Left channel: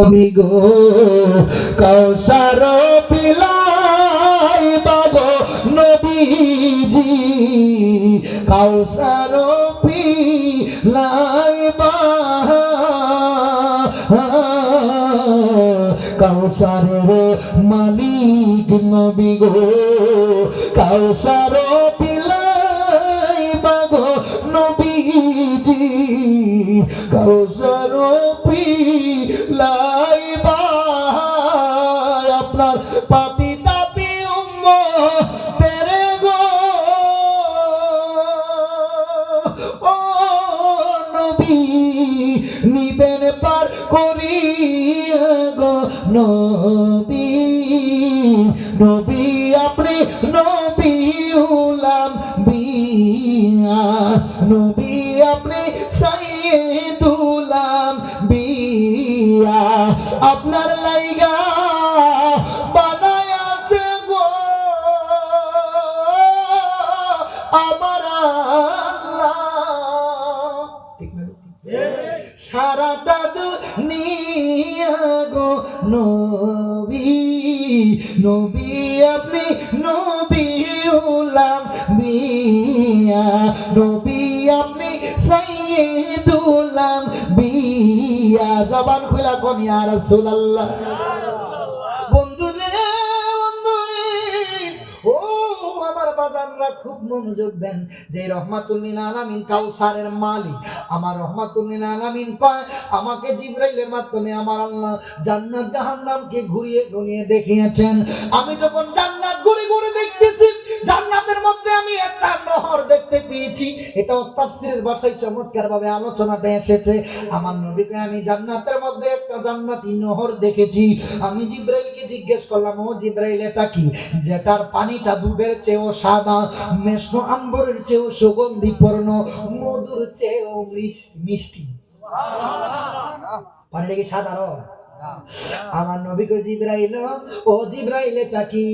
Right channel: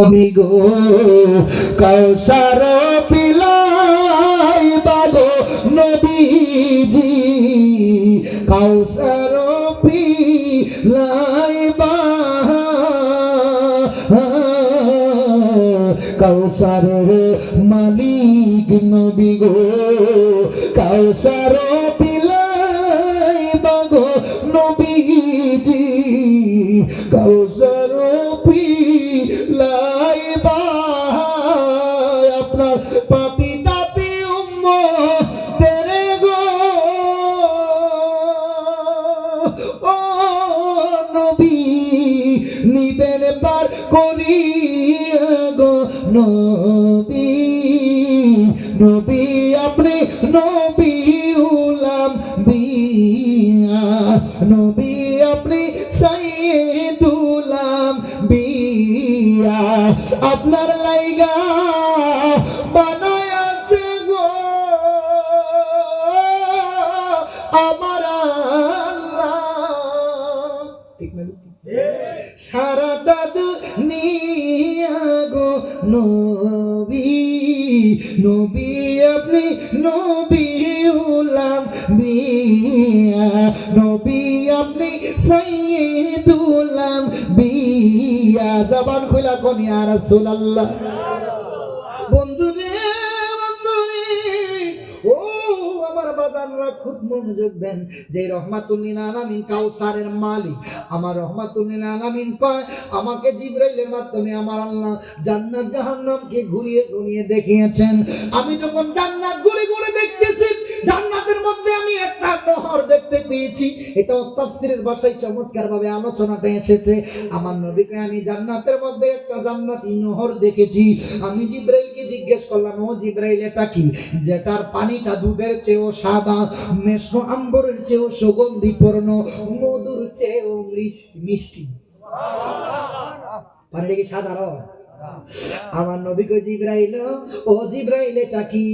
নবী গো কাউসার পিলাই বাবো নবীজি কাউসার পিলাই বা কাউসারের মালিক নবী গো কাউসার পিলাই বাবো নবীজি কাউসার পিলাই বা আপনার পাপি তাপি উম্মতের গো ও নবী নিবেন পার করিয়া গো নবী নবী আপনি নবী উলাম বিয়া নবী আপনি সাইয়্যিদুলাম বিয়া আপনার লাইগা বানায়াছে গো আমার আল্লাহ ঠিক না সারাটা দুনিয়া গো নবী নবী আপনি নবী উলাম বিয়া নবী আপনি সাইয়্যিদুলাম বিয়া জবান খুলা কোন ইয়া রাসূলুল্লাহ বন্ধুরে ও আমার বাজানরা খুব মনোযোগ দেন যে রহমাতুল লিল আলামিন কাউসারের মালিক আমার রহমাতুল লিল আলামিন কয় আমাকে জিবরাইলের মাধ্যমে আমার আল্লাহ জান্নাত জাহান্নামকে ঘুরিয়ে ঘুরিয়ে দেখিয়েছেন আমি যখন জান্নাত ঘুরে ঘুরে দেখতেছি জান্নাতের মধ্যে আমি একটা নহর দেখতে পেয়েছি এটাও তাফসীরের ভাষায় চমৎকার ভাবে আলোচনাটা এসেছে আমার নবীকে আমি জান্নাতের মধ্যে একটা জান্নাতি নহর দেখেছি আমি জিবরাইলকে জিজ্ঞেস করলাম ও জিবরাইল এটা কি যেটার পানিটা দুধের চেয়েও সাদা মেশক আম্বরের চেয়েও সুগন্ধিপূর্ণ মধুর চেয়েও মিষ্টি পানিটা কি সাদা আমার নবী কই জিবরাইল ও জিবরাইল এটা কি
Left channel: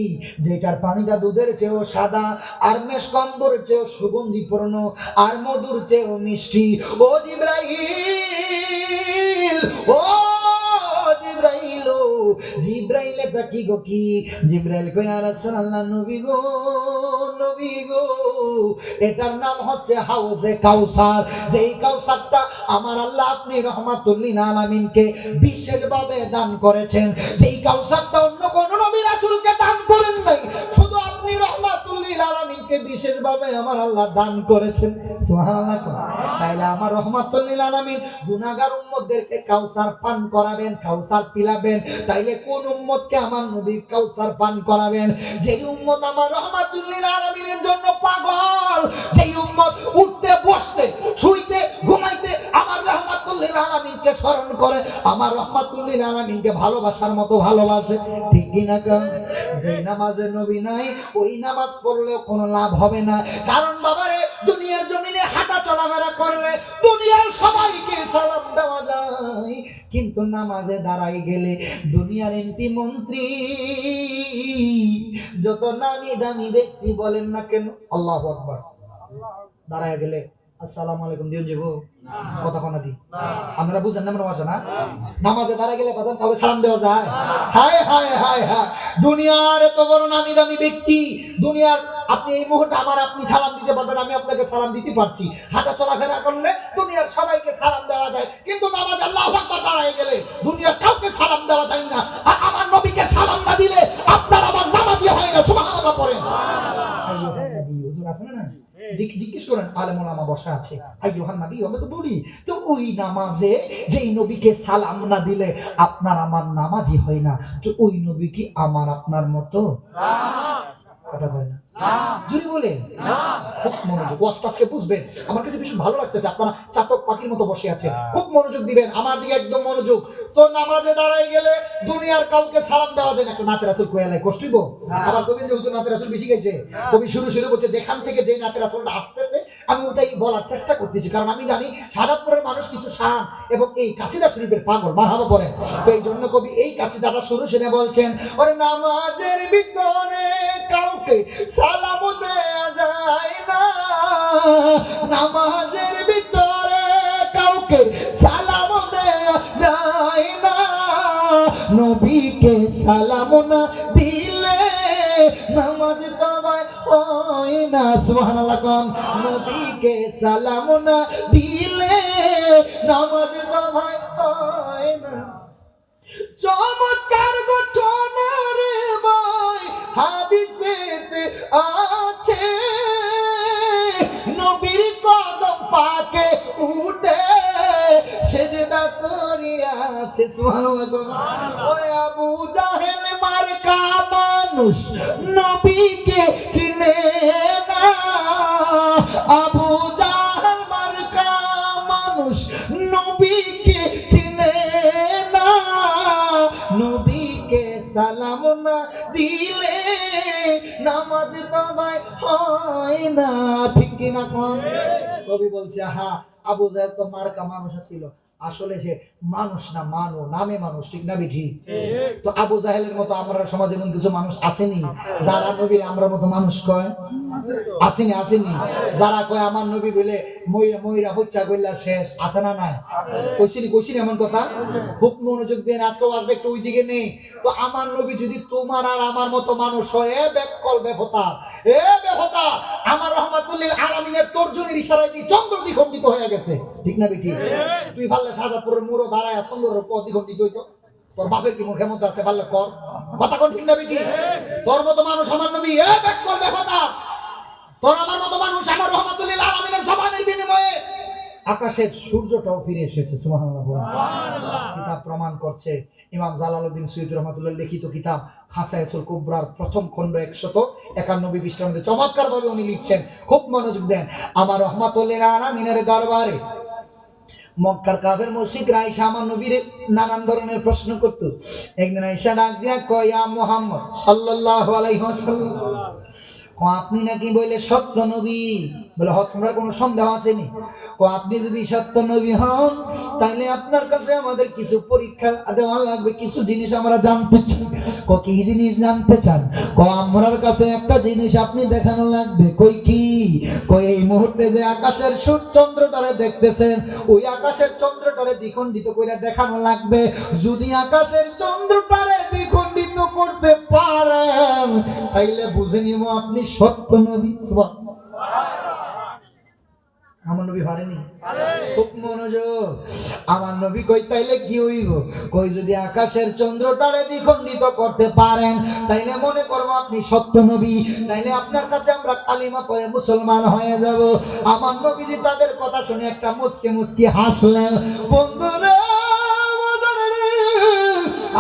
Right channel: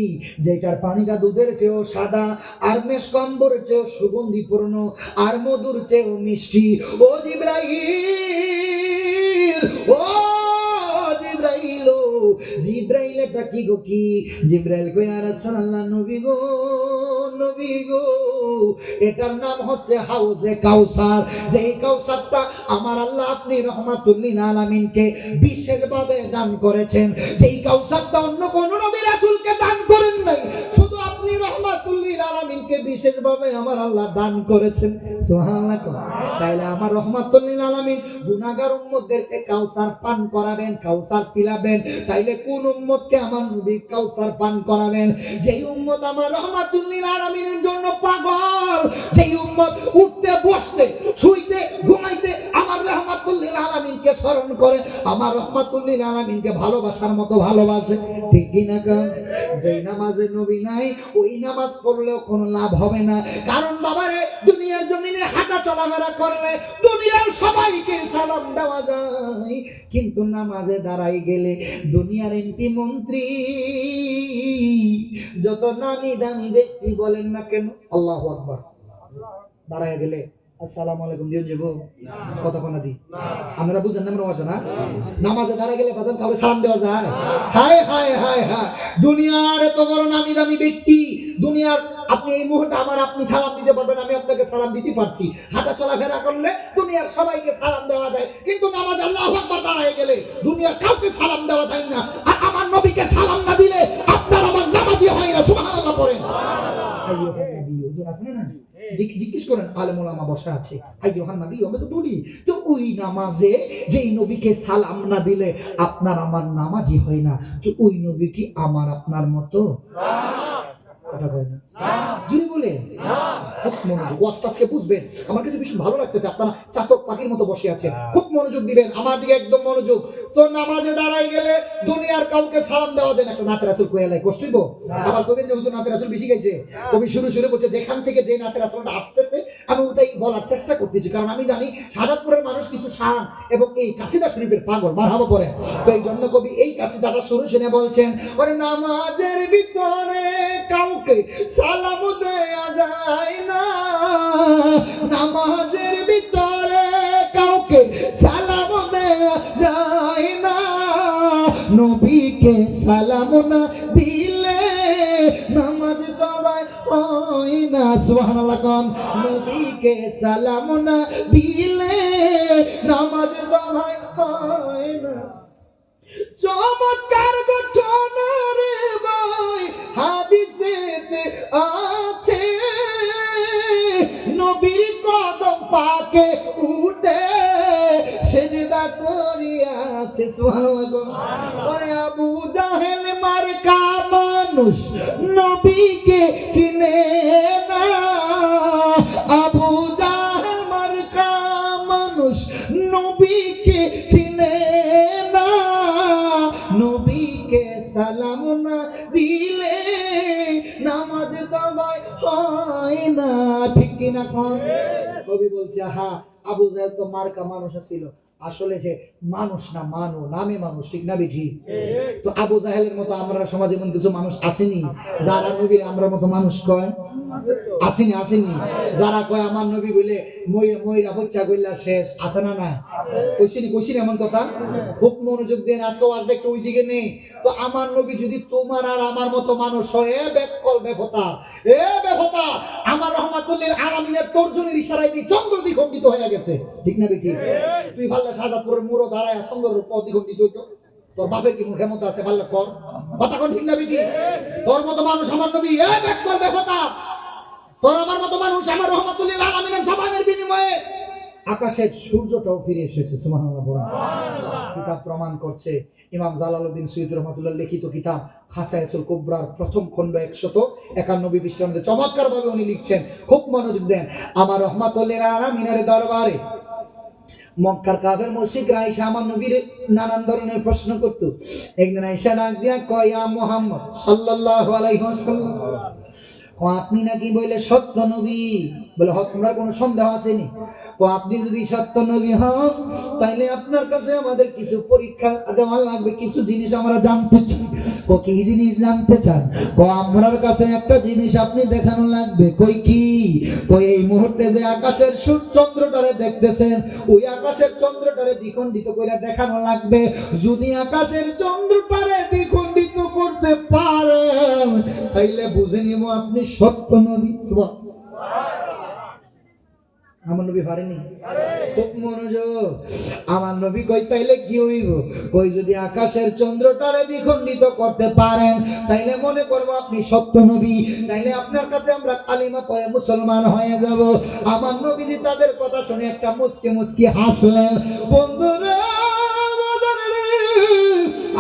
যেটার পানিটা দুধের চেয়েও সাদা আর মেশক আম্বরের চেয়েও সুগন্ধিপূর্ণ আর মধুর চেয়েও মিষ্টি ও জিবরাইল ও জিবরাইল জিবরাইল এটা কি গো কি জিবরাইল কই ইয়া রাসূলুল্লাহ নবী গো এটার নাম হচ্ছে হাউজে কাউসার যেই কাউসারটা আমার আল্লাহ আপনি রহমাতুল লিল আলামিনকে বিশেষভাবে দান করেছেন যেই কাউসারটা অন্য কোন নবী রাসূলকে দান করেন নাই শুধু আপনি রহমাতুল লিল আলামিনকে বিশেষভাবে আমার আল্লাহ দান করেছেন সুবহানাল্লাহ তাইলে আমার রহমাতুল লিল আলামিন গুনাহগার উম্মতদেরকে কাউসার পান করাবেন কাউসার পিলাবেন তাইলে কোন উম্মতকে আমার নবী কাউসার পান করাবেন যেই উম্মত আমার রহমাতুল লিল আলামিনের জন্য পাগল যেই উম্মত উঠতে বসতে শুইতে ঘুমাইতে আমার রহমাতুল লিল আলামিনকে স্মরণ করে আমার রহমাতুল লিল আলামিনকে ভালোবাসার মতো ভালোবাসে ঠিক কি না যেই নামাজের নবী নাই ওই নামাজ পড়লেও কোনো লাভ হবে না কারণ বাবারে দুনিয়ার জমিনে হাঁটা চলাফেরা করলে দুনিয়ার সবাইকে সালাম দেওয়া যায় কিন্তু নামাজে দাঁড়াই গেলে দুনিয়ার এমপি মন্ত্রী যত নামি দামি ব্যক্তি বলেন না কেন আল্লাহু আকবার দাঁড়ায় গেলে আসসালামু আলাইকুম দিন যাবো কতক্ষণ দি আমরা বুঝেন না আমরা না নামাজে দাঁড়ায় গেলে বাজান কাউকে সালাম দেওয়া যায় হায় হায় হায় হায় দুনিয়ার এত বড় নামি দামি ব্যক্তি দুনিয়ার আপনি এই মুহূর্তে আমার আপনি সালাম দিতে পারবেন আমি আপনাকে সালাম দিতে পারছি হাঁটা চলাফেরা করলে দুনিয়ার সবাইকে সালাম দেওয়া যায় কিন্তু নামাজে আল্লাহু আকবার দাঁড়ায় গেলে দুনিয়ার কাউকে সালাম দেওয়া যায় না আর আমার নবীকে সালাম না দিলে আপনার আমার নামাজই হয় না সুবহানাল্লাহ পড়েন আইয়ুহান নবী হুজুর আছেন না জিজ্ঞেস করেন আলেম ওলামা বসা আছে আইয়ুহান নবী আমরা তো বলি তো ওই নামাজে যেই নবীকে সালাম না দিলে আপনার আমার নামাজই হয় না তো ওই নবী কি আমার আপনার মতো কথা হয় না জুরি বলে খুব মনোযোগ ওয়াজটাকে বুঝবেন আমার কাছে ভীষণ ভালো লাগতেছে আপনারা চাতক পাখির মতো বসে আছেন খুব মনোযোগ দিবেন আমার দিকে একদম মনোযোগ তো নামাজে দাঁড়াই গেলে দুনিয়ার কাউকে সালাম দেওয়া যায় না একটা নাতে রাসূল কইয়ালাই কষ্ট হইব আবার কবির যে হুজুর নাতে রাসূল বেশি গাইছে কবি শুরু বলছে যেখান থেকে যে নাতে রাসূলটা আসতেছে আমি ওটাই বলার চেষ্টা করতেছি কারণ আমি জানি শাহাদাতপুরের মানুষ কিছু শান এবং এই কাসিদা শরীফের পাগল মারহাবা পড়েন তো এই জন্য কবি এই কাসিদাটা শুরু শুনে বলছেন ওরে নামাজের ভিতরে কাউকে সালাম দেয়া যায় না নামাজের ভিতরে কাউকে সালাম দেয়া যায় না নবীকে সালাম না দিলে নামাজ তোমায় হয় না। সুবহানাল্লাহ কোন। নবীকে সালাম না দিলে নামাজ তোমায় হয় না। চমৎকার ঘটনা রে ভাই হাদিসেতে আছে, নবীর কদম পাকে উঠে সেজদা করিয়াছে। সুবহানাল্লাহ। ওরে আবু জাহেল মার্কা মানুষ নবীকে চিনে না। আবু জাহেল মার্কা মানুষ নবীকে চিনে না। নবীকে সালাম না দিলে নামাজ তোমায় হয় না। ঠিক কিনা কোন? কবি বলছে হা আবু জাহেল তো মার্কা মানুষ ছিল, আসলে সে মানুষ না, মানো নামে মানুষ। ঠিক না বিঠি? তো আবু জাহেলের মতো আমরা সমাজে এমন কিছু মানুষ আসেনি যারা নবীর আমরা মতো মানুষ কয়? আসেনি? আসেনি। যারা কয় আমার নবী বলে ময়রা হচ্ছা গইলা শেষ, আছে না? নাই কইছিনি এমন কথা? খুব মনোযোগ দেন, আজকেও আসবে একটু ওই দিকে নেই। তো আমার নবী যদি তোমার আর আমার মতো মানুষ হয়, এ বেকল বেফতা, এ বেফতা, আমার রহমাতুল্লিল আলামিনের তর্জনীর ইশারায় দিয়ে চন্দ্র দ্বিখণ্ডিত হয়ে গেছে। ঠিক না বিঠি? তুই ভাল্লা শাহজাদপুরের মুড়ো দাঁড়ায় চন্দ্রের পথ দ্বিখণ্ডিত হইতো, তোর বাপের কি মুখে মতো আছে? ভাল্লা কর কথা কোন? ঠিক না বিঠি? তোর মতো মানুষ আমার নবী, এ বেকল বেফতা, তোর আমার মতো মানুষ আমার রহমাতুল্লিল আলামিনের জবানের বিনিময়ে আকাশের সূর্যটাও ফিরে এসেছে। সুবহানাল্লাহ। কিতাব প্রমাণ করছে, ইমাম জালালউদ্দিন সুয়ুতী রহমাতুল্লাহ লিখিত কিতাব খাসায়েসুল কুবরার প্রথম খণ্ড 191 পৃষ্ঠার মধ্যে চমৎকার ভাবে উনি লিখছেন, খুব মনোযোগ দেন। আমার রহমাতুল্লিল আলামিনের দরবারে মক্কার কাফের মুশরিকরা আয়েশা আমার নবীরে নানান ধরনের প্রশ্ন করত। একদিন আয়েশা ডাক দিয়া কয়, ইয়া মুহাম্মদ সাল্লাল্লাহু আলাইহি ওয়াসাল্লাম, আপনি নাকি বলে সত্য নবী? বলে হ, তোমার কোনো সন্দেহ আসেনি? আপনি যদি সত্য নবী হন তাইলে আপনার কাছে আমাদের কিছু পরীক্ষা দেওয়া লাগবে, কিছু জিনিস আমরা জানতে চাই। কি জিনিস জানতে চান? আমরার কাছে একটা জিনিস আপনি দেখানো লাগবে। কই কি? এই মুহূর্তে যে আকাশের সূর্য চন্দ্রটারে দেখতেছেন, ওই আকাশের চন্দ্রটারে দ্বিখণ্ডিত করে দেখানো লাগবে। যদি আকাশের চন্দ্রটারে দ্বিখণ্ডিত করতে পারেন তাইলে বুঝে নিব আপনি সত্য নবী। আমার নবী পারেনি? খুব মনোযোগ। আমার নবী কই তাইলে কি হইব? কই যদি আকাশের চন্দ্রটারে দ্বিখণ্ডিত করতে পারেন তাইলে মনে করব আপনি সত্য নবী, তাইলে আপনার কাছে আমরা কালিমা পড়ে মুসলমান হয়ে যাব। আমার নবীজি তাদের কথা শুনে একটা মুচকি মুচকি হাসলেন। বন্ধুরা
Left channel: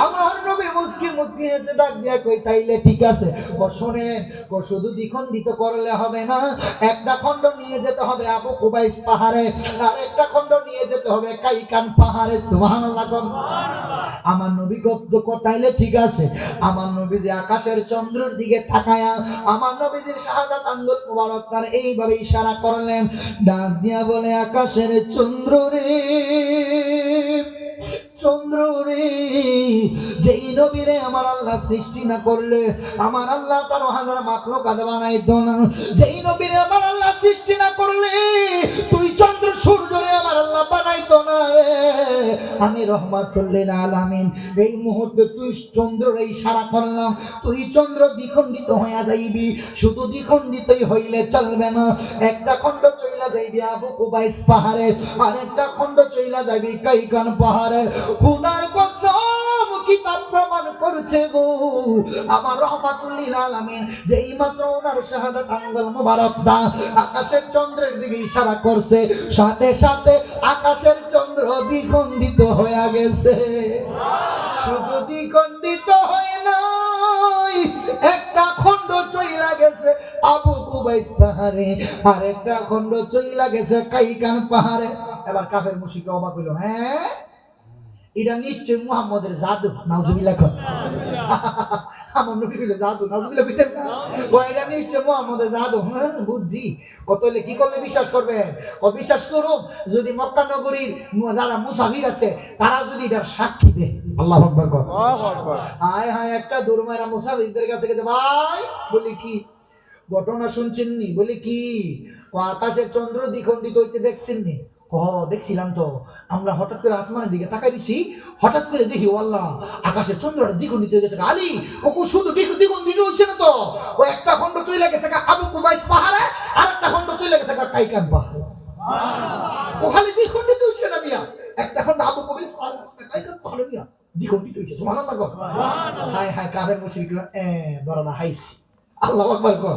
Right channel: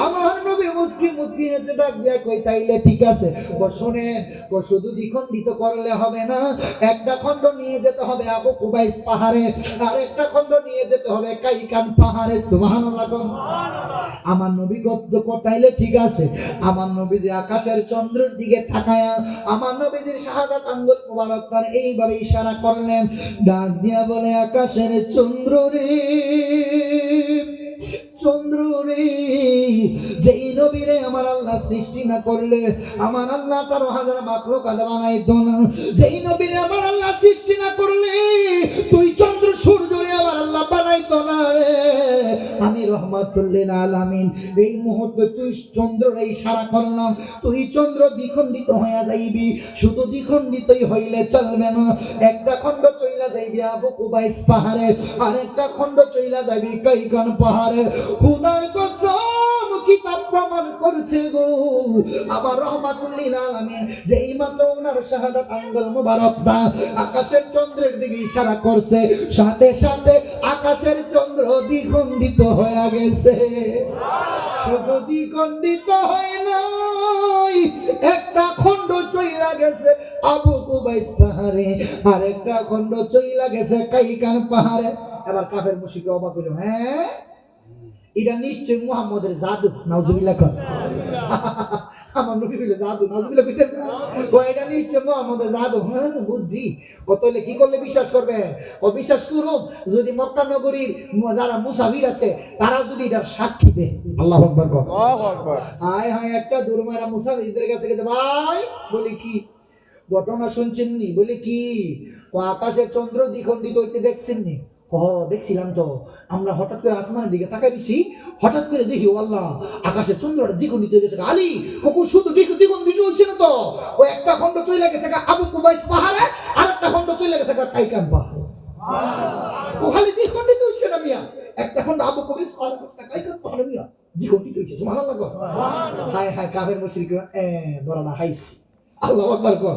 আমার নবী মুচকি মুচকি হেসে ডাক দিয়া কই তাইলে ঠিক আছে, শোনেন, শুধু দ্বিখণ্ডিত করলে হবে না, একটা খণ্ড নিয়ে যেতে হবে আবু কুবাইস পাহাড়ে, আর একটা খণ্ড নিয়ে যেতে হবে কাইকান পাহাড়ে। সুবহানাল্লাহ। আমার নবী তাইলে ঠিক আছে। আমার নবী যে আকাশের চন্দ্রের দিকে তাকায়া আমার নবীজির শাহাদাত আঙ্গুল মুবারক তার এইভাবে ইশারা করলেন, ডাক দিয়া বলে, আকাশের চন্দ্র রে, চন্দ্র রে, যেই নবীরে আমার আল্লাহ সৃষ্টি না করলে আমার আল্লাহ ১৩,০০০ মাখলুকাত বানাইতো না। যেই নবীরে আমার আল্লাহ সৃষ্টি না করলে তুই চন্দ্র সূর্যরে আমার আল্লাহ বানাইতো না রে। আমি রহমাতুল্লিল আলামিন এই মুহূর্তে তুই চন্দ্ররে ইশারা করলাম, তুই চন্দ্র দ্বিখণ্ডিত হইয়া যাইবি। শুধু দ্বিখণ্ডিতই হইলে চলবে না, একটা খণ্ড চইলা যাইবি আবু কুবাইস পাহাড়ে, আর একটা খণ্ড চইলা যাইবি কাইকান পাহাড়ে। খুদার কসম কিতাব প্রমাণ করছে গো, আমার রহমাতুল্লিল আলামিন যেই মাত্র ওনার শাহাদাত আঙ্গুল মুবারকটা আকাশের চন্দ্রের দিকে ইশারা করছে, সাথে সাথে আকাশের চন্দ্র দ্বিখণ্ডিত হয়ে গেছে। শুধু দ্বিখণ্ডিত হয় নাই, একটা খণ্ড চইলা গেছে আবু কুবাইস পাহাড়ে, আর একটা খণ্ড চইলা গেছে কাইকান পাহাড়ে। এবার কাফের মুশরিকরা অবাক হইল, হ্যাঁ এটা নিশ্চয় মুহাম্মদের জাদু। নাউজুবিল্লাহ। আমার নবী বলে জাদু, নাউজুবিল্লাহ কইতেন না? এটা নিশ্চয় মুহাম্মদের জাদু। হ্যাঁ বুঝছি। কত হলে কি করলে বিশ্বাস করবেন? অবিশ্বাস করুন যদি মক্কা নগরীর যারা মুসাফির আছে তারা যদি এটার সাক্ষী দেয়। আল্লাহু আকবার। আল্লাহু আকবার। হায় হায়, একটা দুরমাইরা মুসাফিরদের কাছে গেছে, ভাই বলি কি ঘটনা শুনছেন নি? বলি কি? ও আকাশের চন্দ্র দ্বিখণ্ডিত হইতে দেখছেন নি? দেখছিলাম তো, আমরা হঠাৎ করে আসমানের দিকে তাকাই দিছি, হঠাৎ করে দেখি ও আল্লাহ, আকাশে চন্দ্রটা দ্বিগুণ দিতে গেছে। আলী কোকো শুধু দ্বিগুণ দিতে হচ্ছে না তো, ও একটা খন্ড চলে গেছে আবু কুবাইস পাহাড়ে, আর একটা খন্ড চলে গেছে কাইকান পাহাড়ে। ও খালি দ্বিগুণ দিতে হচ্ছে না মিয়া, একটা খন্ড আবু কুবাইস পাহাড়ে, একটা কাইকান পাহাড়ে মিয়া দ্বিগুণ দিতে হচ্ছে। সুবহানাল্লাহ গো। হায় হায় কাফের মুশরিকরা বড় না হাইছি। আল্লাহু আকবার কর।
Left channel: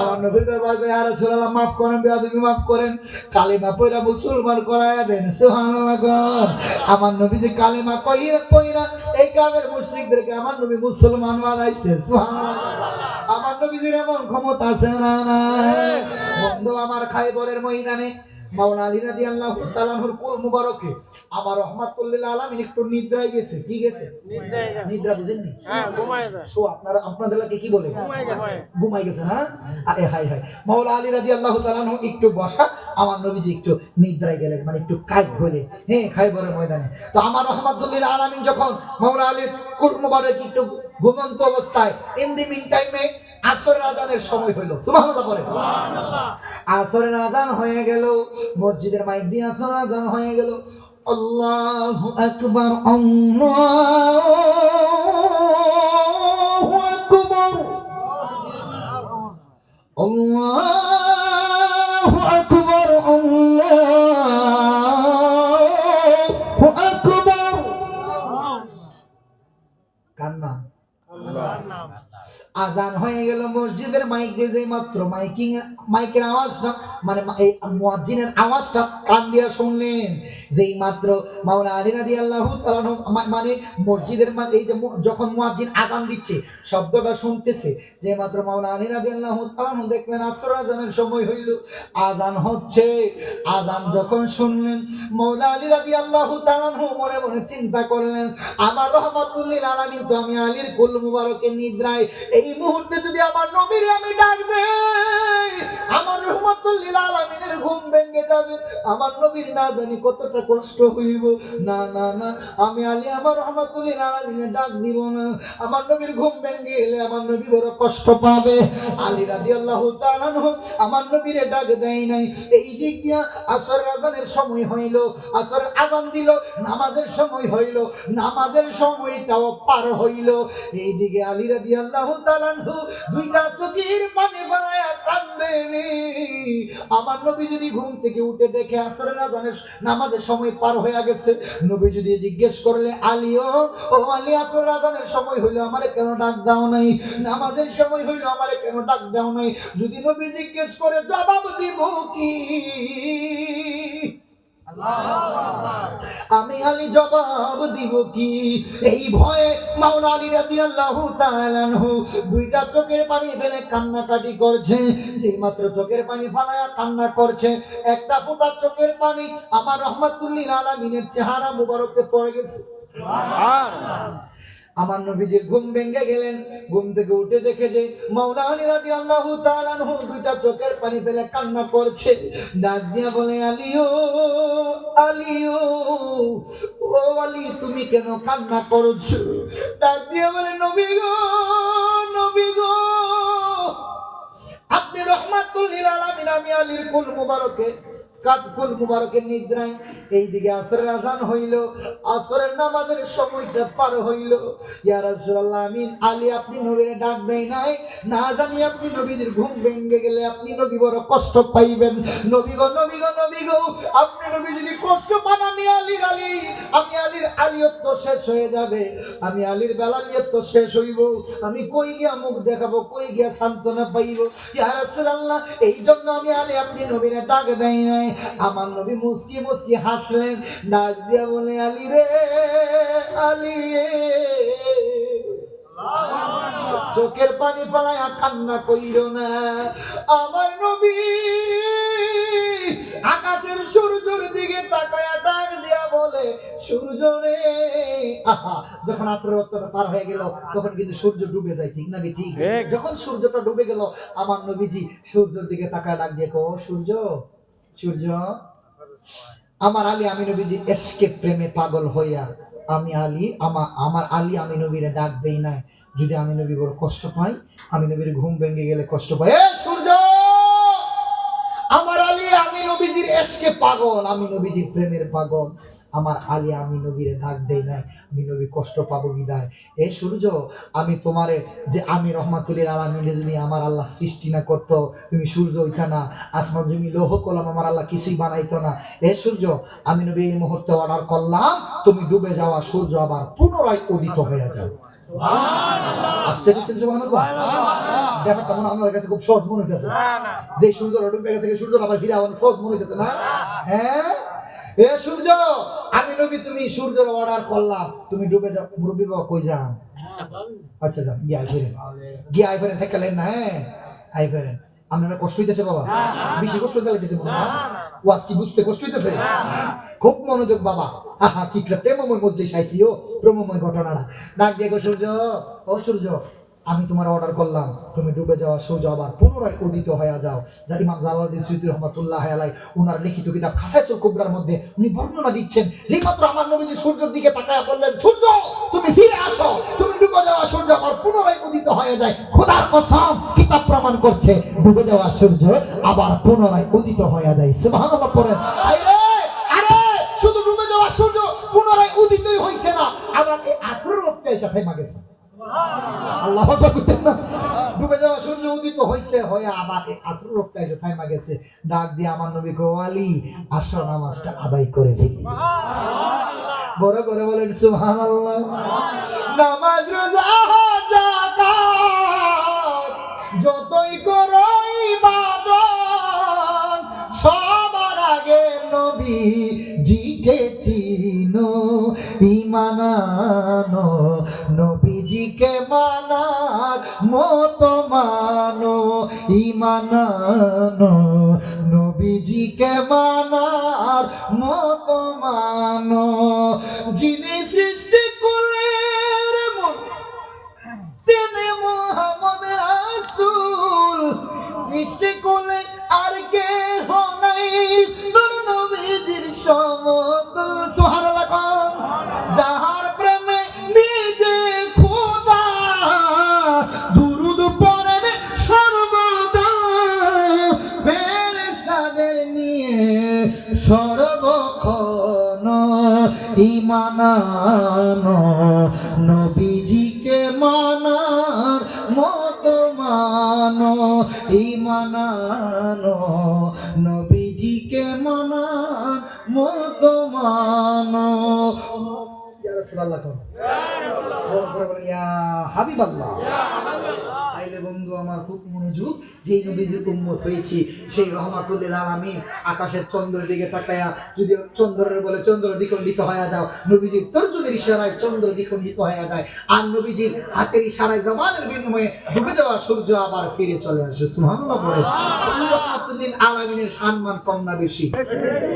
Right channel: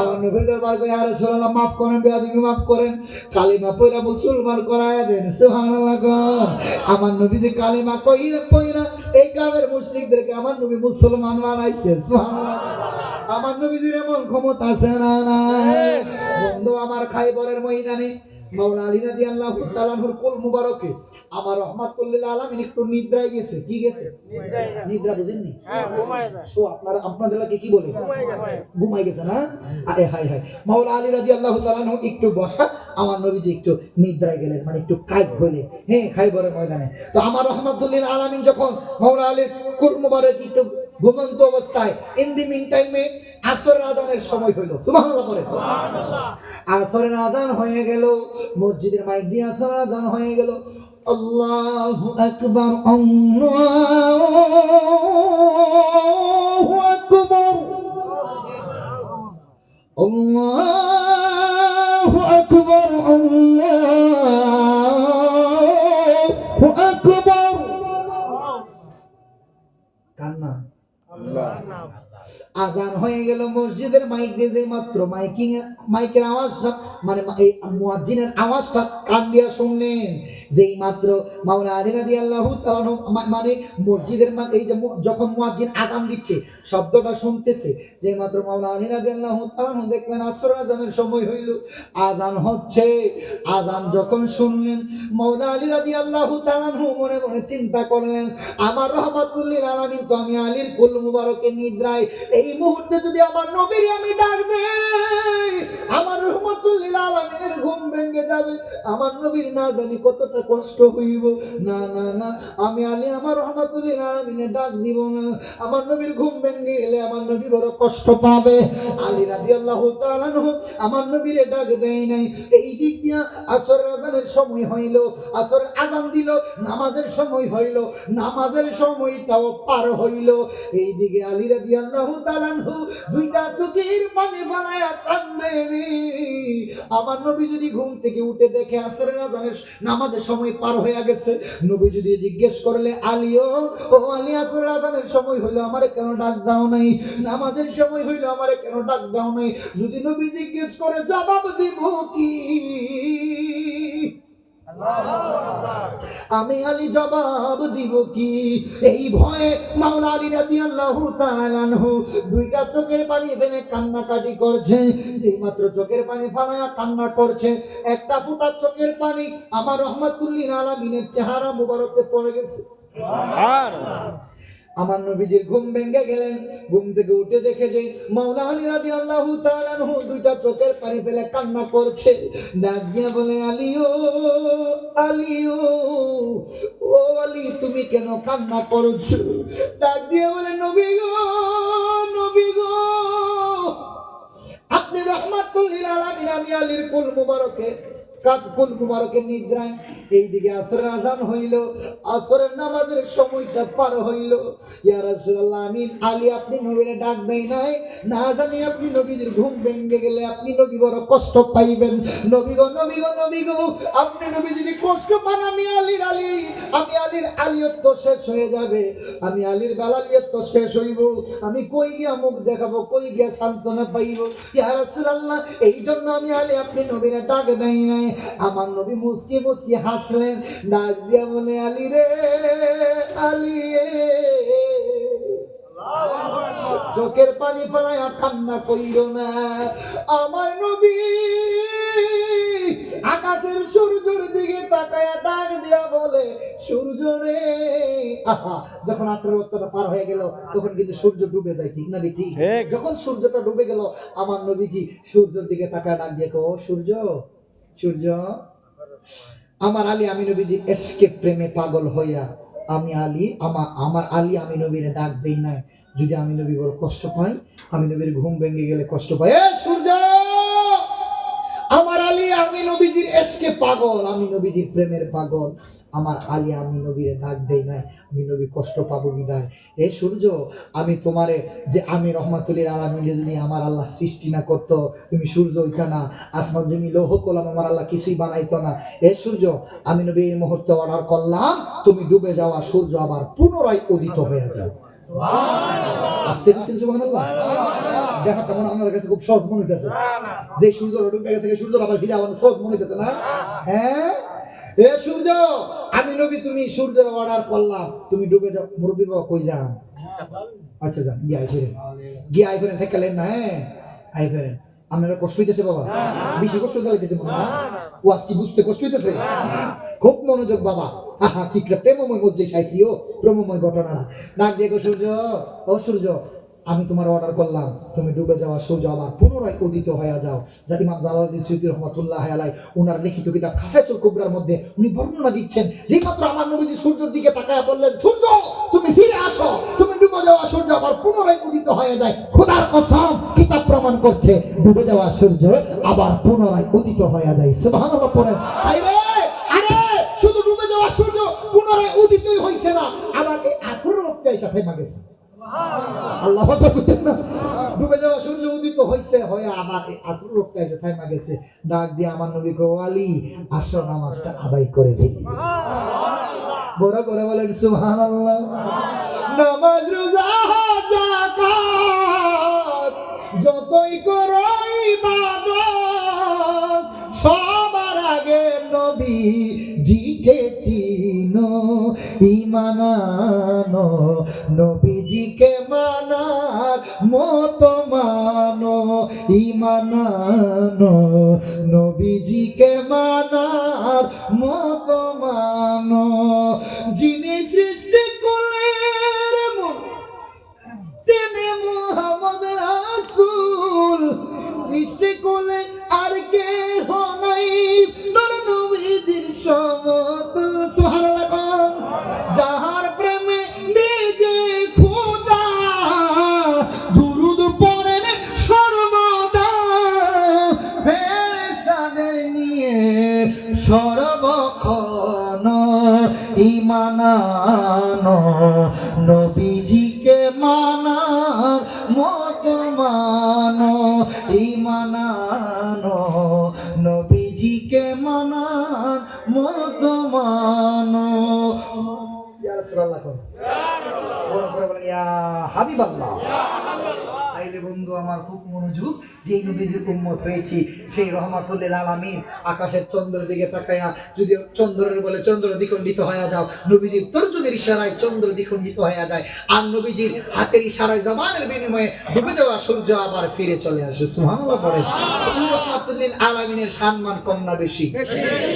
আমার নবীর দরবার কই, ইয়া রাসূলুল্লাহ মাফ করেন, বেয়াদবি মাফ করেন, কালিমা পয়রা মুসলমান করায়া দেন। সুবহানাল্লাহ কর। আমার নবী যে কালিমা কইরা এই কাফের মুশরিকদেরকে আমার নবী মুসলমান বানাইছে। সুবহানাল্লাহ। আমার নবীর এমন ক্ষমতা আছে না? বন্ধু আমার খায়বরের ময়দানে মাওলানা আলী রাদিয়াল্লাহু তাআলা আনহুর কুল মুবারকে আমার রহমাতুল লিল আলামিন একটু নিদ্রায় গেছে। কি গেছে? নিদ্রা বুঝেননি? হ্যাঁ, ঘুমায় যায়। সো আপনাদের লাগে কি বলে? ঘুমায় গেছে না? আরে হায় হায়। মাওলানা আলী রাদিয়াল্লাহু তাআলা আনহু একটু বসা, আমার নবীজি একটু নিদ্রায় গেলেন, মানে একটু কাজ হলে, হ্যাঁ, খায়বরের ময়দানে। তো আমার রহমাতুল লিল আলামিন যখন মাওলানা আলীর কুল মুবারক একটু ঘুমন্ত অবস্থায়, ইন দি মিন টাইমে আসরের আজানের সময় হইল। সুবহানাল্লাহ পড়ে। সুবহানাল্লাহ। আসরের আজান হয়ে গেল, মসজিদের মাইক দিয়ে আসরের আজান হয়ে গেল। আল্লাহু আকবার, আল্লাহু আকবার, আল্লাহু আকবার, আল্লাহু আকবার। কান্না আজান হয়ে গেল, মসজিদের মাইক দিয়ে যে মাত্র মাইকের আওয়াজটা, মানে এই মুয়াজ্জিনের আওয়াজটা কান দিয়া শুনলেন, যেই মাত্র মাওলানা আলী রাদিয়াল্লাহু তাআলা মানে মসজিদের এই যে যখন মুয়াজ্জিন আজান দিচ্ছে শব্দটা শুনতেছে, যে মাত্র মাওলানা আলী রাদিয়াল্লাহু তাআলা দেখলেন আসর আজানের সময় হইল, আজান হচ্ছে। আজান যখন শুনলেন মাওলানা আলী রাদিয়াল্লাহু তাআলা মনে মনে চিন্তা করলেন, আমার রহমাতুল লিল আলামিন তো আমি আলীর কুল মুবারকের নিদ্রায়, এই মুহূর্তে যদি আমার নবীর আমি ডাক দেই, আমার রহমাতুল লিল আলামিনের ঘুম ভেঙে যাবে, আমার নবীর না জানি কতটা কষ্ট হইব। না না না, আমি আলী আমার রহমাতুল লিল আলামিনের ডাক দিব না, আমার নবীর ঘুম ভেঙে গেলে আমার নবী বড় কষ্ট পাবে। আলী রাদিয়াল্লাহু তাআলা আমার নবীরে ডাক দেয় নাই। এই দিক দিয়া আসর আজানের সময় হইল, আসর আজান দিল, নামাজের সময় হইল, নামাজের সময়টাও পার হইল। এইদিকে আলী রাদিয়াল্লাহু তাআলা দুইটা চোখের পানি বানায়া কান্দে রে। আমার নবী যদি ঘুম থেকে উঠে দেখে আসরের আজানের নামাজের সময় পার হয়ে গেছে, নবী যদি জিজ্ঞেস করলে, আলী ও আলী, আসরের আজানের সময় হইলো আমারে কেন ডাক দাও নাই, নামাজের সময় হইলো আমারে কেন ডাক দাও নাই, যদি নবী জিজ্ঞেস করে জবাব দিব কি? আমি আলী জবাব দিব কি? এই ভয়ে মাওলানা আলী রাদিয়াল্লাহু তাআলা আনহু দুইটা চোখের পানি ফেলে কান্নাকাটি করছে। যেই মাত্র চোখের পানি ফেলায়া কান্না করছে, একটা ফোঁটা চোখের পানি আমার রহমাতুল লিল আলামিনের চেহারা মুবারকে পড়ে গেছে। সুবহানাল্লাহ। আমার নবীজির ঘুম ভেঙে গেলেন, ঘুম থেকে উঠে দেখে যে মাওলানা আলী রাদিয়াল্লাহু তাআলা আনহু দুইটা চোখের পানি ফেলে কান্না করছে। ডাক দিয়া বলে, আলী ও আলী, ও আলী, তুমি কেন কান্না করছো? ডাক দিয়া বলে, নবী গো, নবী গো, আপনি রহমাতুল লিল আলামিন, আমি আলীর কুল মুবারকে কুল মুবারকের নিদ্রায়। এইদিকে আসরের আজান হইল, আসরের নামাজের সময়টা পার হইল। ইয়া রাসূলুল্লাহ, আমি আলী আপনি নবীরে ডাক দেই নাই, না জানি আপনি নবীর ঘুম ভেঙে গেলে আপনি নবী বড় কষ্ট পাইবেন। নবী গো, নবী গো, নবী গো, আপনি নবী যদি কষ্ট পান, আমি আলীর আলিয়ত শেষ হয়ে যাবে, আমি আলীর বেলালিয়ত শেষ হইব, আমি কই গিয়া মুখ দেখাবো, কই গিয়া সান্ত্বনা পাইব? ইয়া রাসূলুল্লাহ, এই জন্য আমি আলী আপনি নবীরে ডাক দেই নাই। আমার নবী মুস্কি মুস্কি হাসলেন, ডাক দিয়া বলে, আলী রে, আলী চোখের পানি ফেলায়া কান্না কইরো না। আমার নবী আকাশের সূর্যের দিকে তাকায়া ডাক দিয়া বলে, সূর্য রে। যখন আসরের ওয়াক্তটা পার হয়ে গেল, তখন কিন্তু সূর্য ডুবে যায়, ঠিক না ঠিক? যখন সূর্যটা ডুবে গেল, আমার নবীজি সূর্যের দিকে তাকায়া ডাক দিয়ে কো, সূর্য, সূর্য। আমার আলী আমি নবীজি এশকে প্রেমে পাগল হইয়া আমি আলী আমার আলী আমি নবীরে ডাক দেই নাই। যদি আমি নবী বড় কষ্ট পাই, আমি নবীর ঘুম ভেঙে গেলে কষ্ট পাই। এ সূর্য, আমার আলী আমি নবীজির এশকে পাগল, আমি নবীজির প্রেমের পাগল। আমার আলী আমি নবীরে ডাক দেই নাই, আমি নবী কষ্ট পাবো বিদায়। এ সূর্য, আমি তোমারে যে আমি রহমাতুল্লিল আলামিন যদি আমার আল্লাহ সৃষ্টি না করতো, তুমি সূর্য হইতা না, আসমান জমি লৌহ কলম আমার আল্লাহ কিছুই বানাইতো না। এ সূর্য, আমি নবী এই মুহূর্তে অর্ডার করলাম, তুমি ডুবে যাওয়া সূর্য আবার পুনরায় উদিত হয়ে যাও। আসতে গেছেন সুবহানাল্লাহ। ব্যাপারটা মনে আপনার কাছে খুব সহজ মনে হইতেছে, যে সূর্য ডুবে গেছে সূর্য আবার ফিরে আবার সহজ মনে হইতেছে না? হ্যাঁ, এ সূর্য, আমি নবী তুমি সূর্যের অর্ডার করলাম, তুমি ডুবে যাও। মুরব্বী বাবা কই যান? আচ্ছা যান, গিয়ে আই ফেরেন, গিয়ে আই ফেরেন, থেকেলেন না। হ্যাঁ, আই ফেরেন। আপনারা কষ্ট হইতেছে বাবা? বেশি কষ্ট হইতে লাগতেছে মনে হয়। ওয়াজ কি বুঝতে কষ্ট হইতেছে? খুব মনোযোগ বাবা। আহা, ঠিক রে, প্রেমময় মজলিস আইছি। ও প্রেমময় ঘটনাটা ডাক দিয়ে, সূর্য, ও সূর্য, আমি তোমার অর্ডার করলাম, তুমি ডুবে যাওয়া সূর্য আবার পুনরায় উদিত হয়ে যাও। যা ইমাম জালালউদ্দিন সুয়ুতী রাহমাতুল্লাহি আলাইহি ওনার লিখিত কিতাব খাসাইসুল কুবরার মধ্যে উনি বর্ণনা দিচ্ছেন, যে মাত্র আমার নবীজি সূর্যের দিকে তাকায়া বললেন, সূর্য তুমি ফিরে আসো, তুমি ডুবে যাওয়া সূর্য আবার পুনরায় উদিত হয়ে যায়। খোদার কসম, কিতাব প্রমাণ করছে ডুবে যাওয়া সূর্য আবার পুনরায় উদিত হয়ে যায়। সুবহানাল্লাহ পড়েন। আরে আরে, শুধু ডুবে যাওয়া সূর্য পুনরায় উদিতই হইছে না, আবার এই আসরের রক্তে এসে থেমে গেছে। আল্লাহ আকবার না, ডুবে যাওয়া সূর্য উদিত হইছে, হয়ে আবার এই আসরের রক্তে এসে থেমে গেছে। ডাক দিয়ে আমার নবী কো, আলী আসো নামাজটা আদায় করে ফেলি। বড় করে বলেন সুবহানাল্লাহ। নামাজ রোজা যাকাত যতই করো ইবাদত, সবার আগে নবীজিকে চিনো, ঈমান আনো, নবীজিকে মানার মতো মানো, ঈমান আনো, নবীজিকে মানার মতো মানো। যিনি সৃষ্টি করলেন মন, তিনি মুহাম্মদ রাসূল, সৃষ্টি করলে আর কেহ নাই নবীজির সমতুল। সুবহানাল্লাহ। যাহার প্রেমে নিজে খোদা, দুরূদ পড়েন সর্বদা, ফেরেশতাদের নিয়ে সর্বক্ষণ, ঈমান আনো, নবীজিকে মানার মতো মানো, ঈমান আনো, নবীজিকে মানার মতো মানো। ইয়া রাসূলুল্লাহ, ইয়া হাবিবাল্লাহ। তাইলে বন্ধু আমার খুব মনোযোগ, যে নবীজির উম্মত হয়েছি, সেই রহমাতুল্লিল আলামিন আকাশের চন্দ্রের দিকে তাকায়া, যদি চন্দ্রের বলে চন্দ্র দ্বিখণ্ডিত হয়ে যাও, নবীজির তর্জনীর ইশারায় চন্দ্র দ্বিখণ্ডিত হয়ে যায়, আর নবীজির হাতের ইশারায় জবানের বিনিময়ে ডুবে যাওয়া সূর্য আবার ফিরে চলে আসে। সুবহানাল্লাহ পড়ে। রহমাতুল্লিল আলামিনের সম্মান কম না বেশি?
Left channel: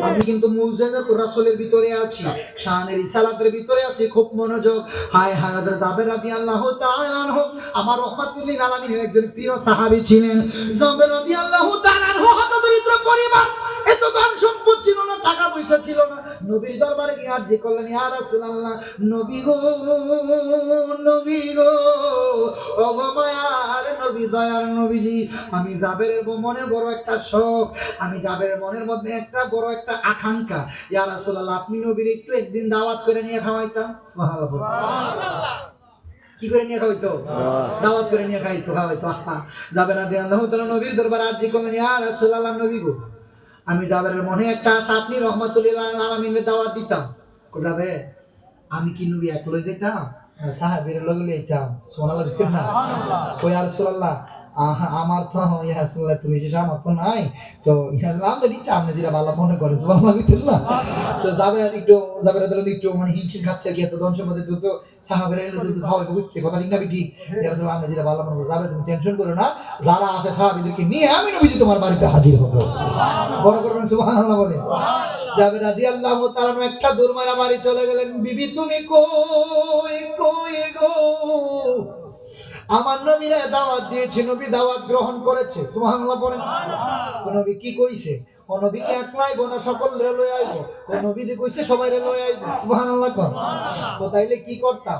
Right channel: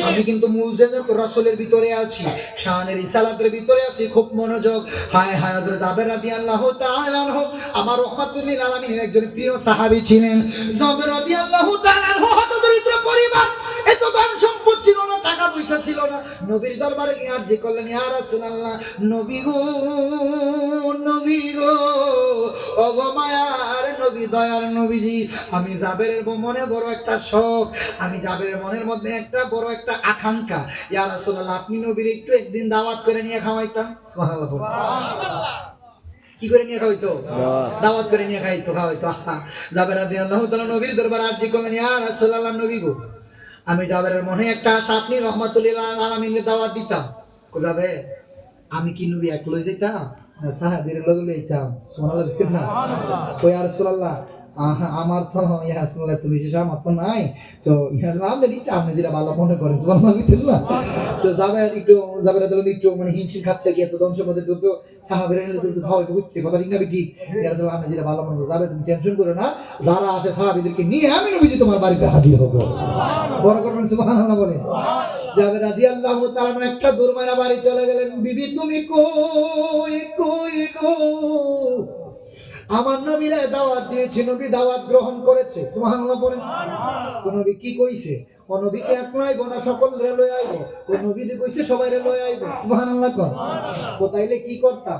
আমি কিন্তু মুজিজাতুর রাসূলের ভিতরে আছি, শানের রিসালাতের ভিতরে আছি। খুব মনোযোগ। হায় হায়, হযরত জাবের রাদিয়াল্লাহু তাআলা আনহু আমার রহমাতুল্লিল আলামিনের একজন প্রিয় সাহাবী ছিলেন। জাবের রাদিয়াল্লাহু তাআলা আনহু হতদরিদ্র পরিবার, এত ধন সম্পদ ছিল না, টাকা পয়সা ছিল না। নবীর দরবারে গিয়ে আরজি করলেন, ইয়া রাসূলুল্লাহ, নবী গো, নবী গো, ওগো মায়ার নবী, দয়ার নবীজি, আমি জাবেরের মনে বড় একটা শখ, আমি জাবেরের মনের মধ্যে একটা বড় একটা আকাঙ্ক্ষা। ইয়া রাসূলুল্লাহ, আপনি নবীর একটু একদিন দাওয়াত করে নিয়ে খাওয়াইতাম। সুবহানাল্লাহ। কি করে নিয়ে খাওয়াইতো? দাওয়াত করে নিয়ে খাওয়াইতো। জাবের রাদিয়াল্লাহু তাআলা নবীর দরবারে আরজি করলেন, ইয়া রাসূলুল্লাহ, নবী গো, আমি জাবেরের মনে একটা আশা, আপনি রহমাতুল্লিল আলামিনের দাওয়াত দিতাম। যাবে, আমি কি নবী একলাই যাইতাম? সাহাবীর লগে যাইতাম। সুবহানাল্লাহ না? কই ইয়া রাসূলুল্লাহ, আমার তো ইয়া রাসূলুল্লাহ তুমি শেষ আমার তো নাই, তো ইয়া রাসূলুল্লাহ দিচ্ছি, আপনি যেটা ভালো মনে করেন। সুবহানাল্লাহ না? তো জাবের একটু মানে হিমশিম খাচ্ছে, কি এত ধন সম্পদের তো সাহাবীরা এলে তো খাওয়াইতে বুঝতে কথা ঠিক না ঠিক? ইয়া রাসূলুল্লাহ, আপনি যেটা ভালো মনে করেন, যাবে, তুমি টেনশন করো না, যারা আছে সাহাবীদেরকে নিয়ে আমি নবীজি তোমার বাড়িতে হাজির হব। বড় করবেন সুবহানাল্লাহ বলেন। জাবের রাদিয়াল্লাহু তাআলা একটা দূর মারা বাড়ি চলে গেলেন। বিবি তুমি কই কই গো? আমার নবীরা দাওয়াত দিয়েছে, নবী দাওয়াত গ্রহণ করেছে। সুবহানাল্লাহ বলেন। নবী কি কইছে? ও নবীকে একলা আইব না সকলরে লই আইব? ও নবী যে কইছে সবাইরে লই আইব। সুবহানাল্লাহ কর। তো তাইলে কি করতাম?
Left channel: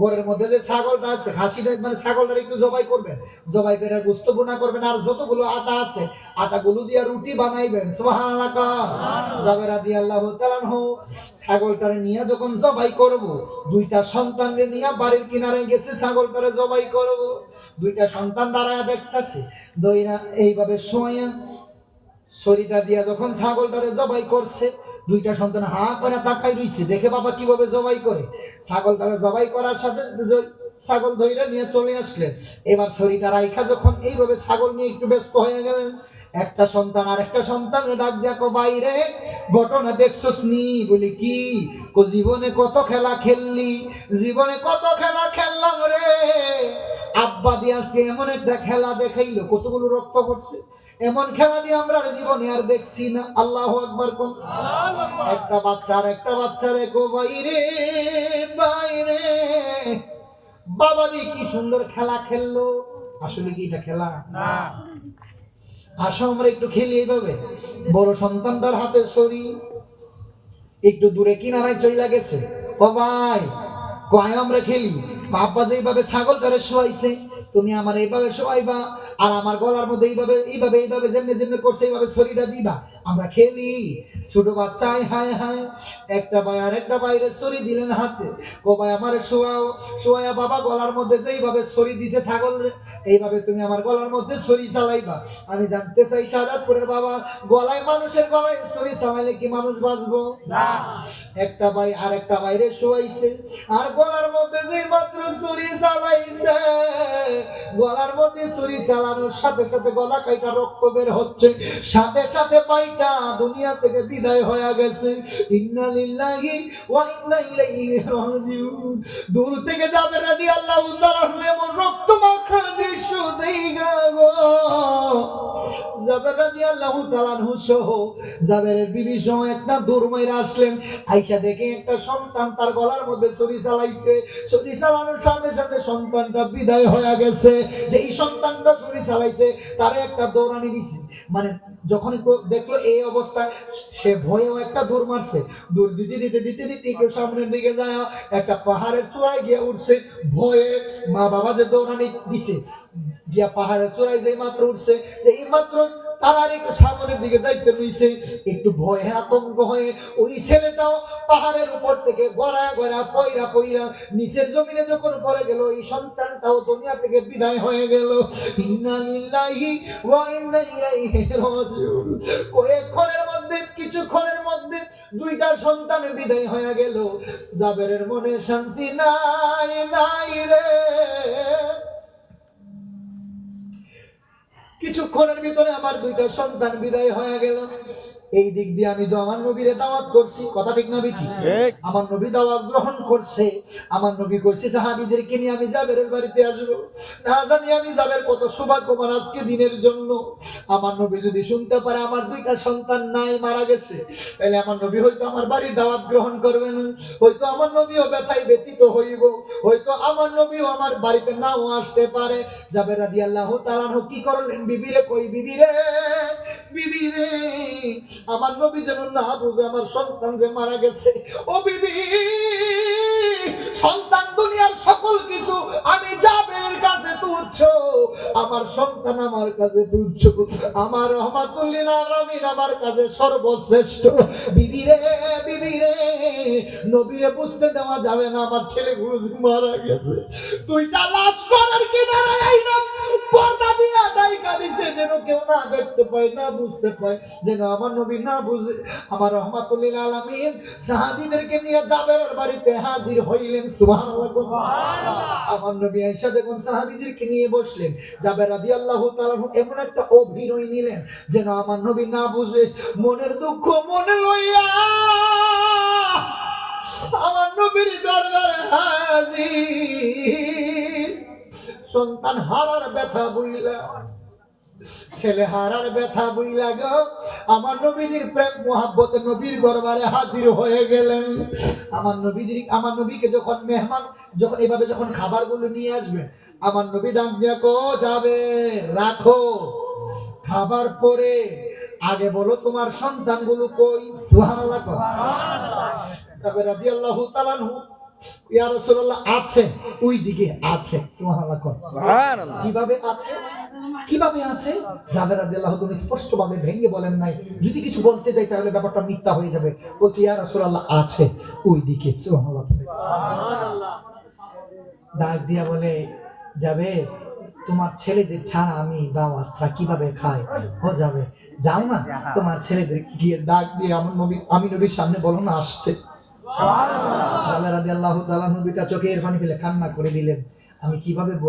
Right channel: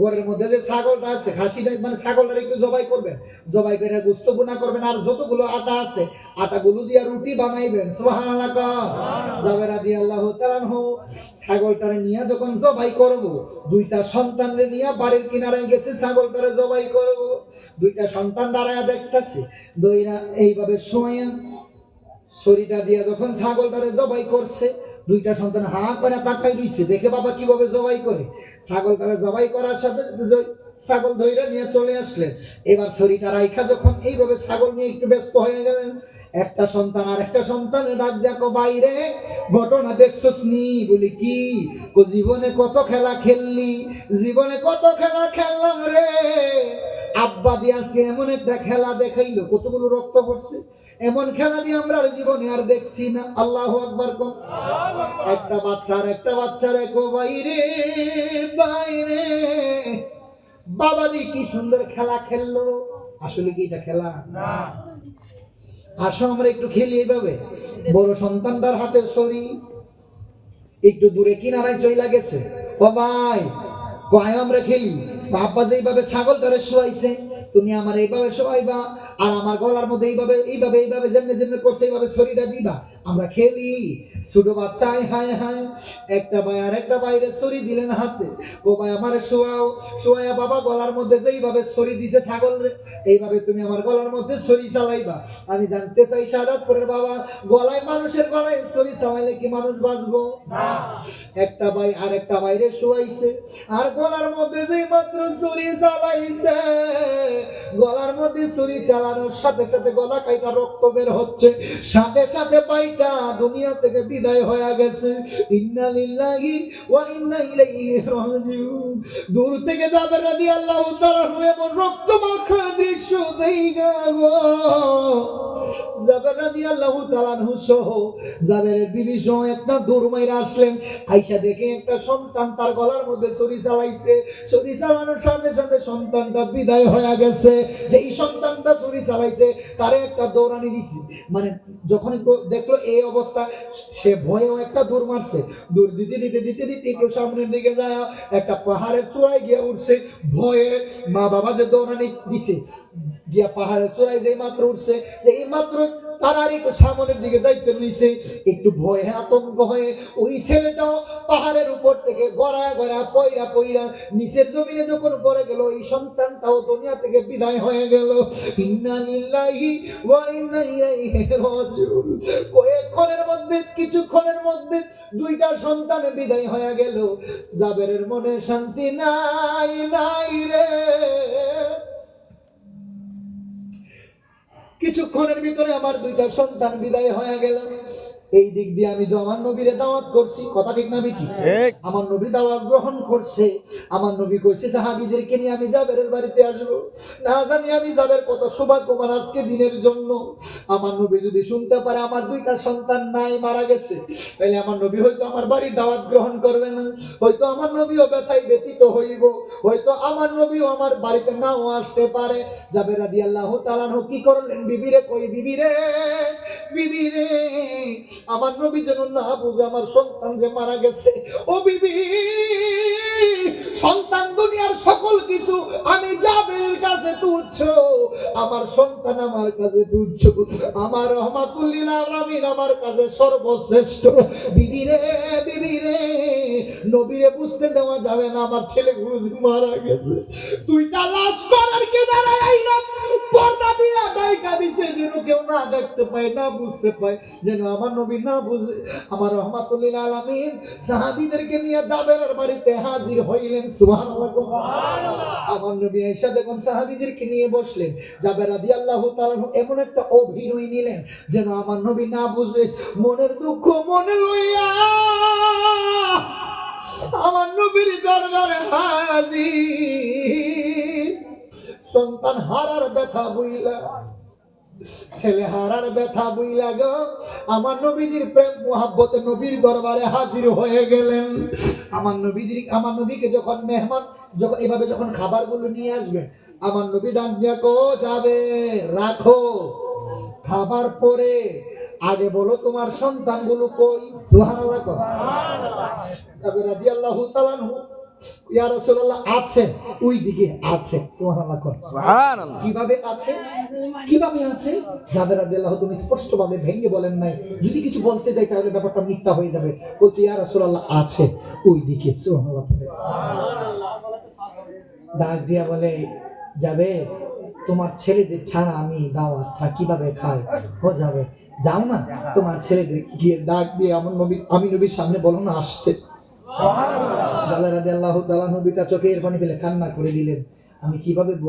ঘরের মধ্যে যে ছাগলটা আছে, খাসিটা মানে ছাগলটার একটু জবাই করবেন, জবাই করে গোশত বোনা করবেন, আর যতগুলো আটা আছে আটাগুলো দিয়ে রুটি বানাইবেন। সুবহানাল্লাহ কর। জাবের রাদিয়াল্লাহু তাআলা আনহু ছাগলটারে নিয়ে যখন জবাই করব, দুইটা সন্তানরে নিয়ে বাড়ির কিনারে গেছে ছাগলটারে জবাই করব। দুইটা সন্তান দাঁড়ায় দেখতাছে, দইরা এইভাবে শোয়া ছড়িটা দিয়া যখন ছাগলটারে জবাই করছে, দুইটা সন্তান হা করে তাকাই রইছে, দেখে বাবা কিভাবে জবাই করে। ছাগলটারে জবাই করার সাথে ছাগল ধইরা নিয়ে চলে আসলেন। এবার ছড়িটা রাইখা যখন এইভাবে ছাগল নিয়ে একটু ব্যস্ত হয়ে গেলেন, একটা সন্তান আর একটা সন্তান ডাক দেখো, বাইরে ঘটনা দেখছস নি? বলি কি? জীবনে কত খেলা খেললি, জীবনে কত খেলা খেললাম রে। আব্বা দিয়ে আজকে এমন একটা খেলা দেখাইলো, কতগুলো রক্ত পড়ছে। এমন খেলা দিয়ে আমরা জীবনে আর দেখছি না। আল্লাহু আকবার কোন। একটা বাচ্চারে কো, বাইরে বাইরে বাবা দি কি সুন্দর খেলা খেললো। আসলে কি এটা খেলা না? আসো আমরা একটু খেলি এইভাবে। বড় সন্তানটার হাতে ছড়ি, একটু দূরে কিনারায় চইলা গেছে। ও ভাই, কয় আমরা খেলি। বাবা যেইভাবে ছাগলটারে শোয়াইছে, তুমি আমার এইভাবে শোয়াইবা, আর আমার গলার মধ্যে এইভাবে এইভাবে এইভাবে যেমনি যেমনি করছে এইভাবে ছড়িটা দিবা, আমরা খেলি। ছোট বাচ্চা হায় হায়, একটা ভাই আর একটা বাইরে ছড়ি দিলেন হাতে। ও ভাই আমারে শোয়াও। শোয়াইয়া বাবা গলার মধ্যে যেইভাবে ছড়ি দিছে ছাগল রে, এইভাবে তুমি আমার গলার মধ্যে ছড়ি চালাইবা। আমি জানতে চাই সাদাতপুরের বাবা, গলায় মানুষের গলায় ছড়ি চালাইলে কি মানুষ বাঁচবো না? একটা ভাই আর একটা বাইরে শোয়াইছে, আর গলার মধ্যে যেই মাত্র ছড়ি চালাইছে, গলার মধ্যে ছড়ি চালানোর সাথে সাথে গলা কাইটা রক্ত বের হচ্ছে, সাথে সাথে পাইটা দুনিয়া থেকে বিদায় হয়ে গেছে। ইন্না লিল্লাহি ওয়া ইন্না ইলাইহি রাজিউন। দূর থেকে জাবের রাদিয়াল্লাহু তাআলা এমন রক্তমাখা দৃশ্য দেখা গো। জাবের রাদিয়াল্লাহু তাআলা সহ জাবেরের বিবি সহ একটা দূর মাইরা আসলেন। আইসা দেখে একটা সন্তান তার গলার মধ্যে ছড়ি চালাইছে। ছড়ি চালানোর সাথে সাথে সন্তানটা বিদায় হয়ে গেছে। যে এই সন্তানটা ছড়ি চালাইছে তারে একটা দৌড়ানি দিছে। মানে যখন দেখলো এই অবস্থা, সে ভয়েও একটা দৌড় মারছে। দৌড় দিতে দিতে দিতে দিতে একটু সামনের দিকে যায়, একটা পাহাড়ের চূড়ায় গিয়ে উঠছে। ভয়ে মা বাবা যে দৌড়ানি দিছে, গিয়া পাহাড়ের চূড়ায় যেই মাত্র উঠছে, যে এই মাত্র তার একটু সামনের দিকে যাইতে রইছে, একটু ভয়ে আতঙ্ক হয়ে ওই ছেলেটাও পাহাড়ের উপর থেকে গড়ায় গড়া পয়রা পয়রা নিচের জমিনে যখন পড়ে গেল, এই সন্তানটাও দুনিয়া থেকে বিদায় হয়ে গেল। ইন্না লিল্লাহি ওয়া ইন্না ইলাইহি রাজিউন। কয়েকক্ষণের মধ্যে, কিছুক্ষণের মধ্যে দুইটা সন্তান বিদায় হয়ে গেল। জাবেরের মনে শান্তি নাই নাই রে। কিছুক্ষণের ভিতরে আমার দুইটা সন্তান বিদায় হয়ে গেল। এই দিক দিয়ে আমি তো আমার নবীরে দাওয়াত করছি, কথা ঠিক না বেটি? আমার নবী দাওয়াত গ্রহণ করছে। আমার নবী কইছে সাহাবীদেরকে নিয়ে আমি জাবেরের বাড়িতে আসবো। না জানি আমি জাবের কত সৌভাগ্যবান আজকে দিনের জন্য। আমার নবী যদি শুনতে পারে আমার দুইটা সন্তান নাই, মারা গেছে, তাহলে আমার নবী হয়তো আমার বাড়ির দাওয়াত গ্রহণ করবে না। হয়তো আমার নবীও ব্যথায় ব্যতীত হইব, হয়তো আমার নবীও আমার বাড়িতে নাও আসতে পারে। জাবের রাদিয়াল্লাহু তাআলা কি করলেন? বিবিরে কই, বিবিরে বিবিরে আমার নবী যেন না বুঝে আমার সন্তান যে মারা গেছে। ও বিবি, সন্তান দুনিয়ার সকল কিছু, আমি জাবের কাছে তুচ্ছ, আমার সন্তান আমার কাছে তুচ্ছ, আমার রহমাতুল লিল আলামিন আমার কাছে সর্বশ্রেষ্ঠ। বিবিরে বিবিরে, নবীরে বুঝতে দেওয়া যাবে না আমার ছেলে মারা গেছে। দুইটা লাশ করার কিনারায় আইলাম, পর্দা দিয়া ডাইকা দিছে যেন কেউ না দেখতে পায়, না বুঝতে পায়, যেন আমার নবী না বুঝে। আমার রহমাতুল লিল আলামিন সাহাবীদেরকে নিয়ে জাবেরের বাড়িতে হাজির হইলেন। সুবহানাল্লাহ সুবহানাল্লাহ। আমার নবী আয়েশা যখন সাহাবীদেরকে নিয়ে বসলেন, জাবের রাদিয়াল্লাহু তাআলা এমন একটা অভিনয় নিলেন যেন আমার নবী না বুঝে। মনের দুঃখ মনে লইয়া আমার নবীর দরবারে হাজির। সন্তান হারার ব্যথা বুইলা, ছেলে হারার ব্যথা বুইলা গো আমার নবীজির প্রেম মোহাব্বতে নবীর দরবারে হাজির হয়ে গেলেন। আমার নবীকে যখন মেহমান যখন এভাবে যখন খাবারগুলো নিয়ে আসবেন, আমার নবী ডাক দিয়া কো, যাবে রাখো, খাবার পরে আগে বলো তোমার সন্তানগুলো কই? সুবহানাল্লাহ। জাবের রাদিয়াল্লাহু তাআলা আনহু, ইয়া রাসূলুল্লাহ আছে, ওই দিকে আছে। সুবহানাল্লাহ। সুবহানাল্লাহ। কিভাবে আছে? কিভাবে আছে? জাবের রাদিয়াল্লাহু তুমি স্পষ্টভাবে ভেঙে বলেন নাই, যদি কিছু বলতে যাই তাহলে ব্যাপারটা মিথ্যা হয়ে যাবে। বলছি ইয়া রাসূলুল্লাহ আছে ওই দিকে। সুবহানাল্লাহ। ডাক দিয়া বলে, যাবে তোমার ছেলেদের ছাড়া আমি দাওয়াতটা কিভাবে খাই? ও যাবে, যাও না তোমার ছেলেদের গিয়ে ডাক দিয়ে আমার নবী, আমি নবীর সামনে বলো না আসতে। জাবের রাদিয়াল্লাহু তাআলা নবীটা চোখের পানি ফেলে কান্না করে দিলেন। আমি কিভাবে বলবো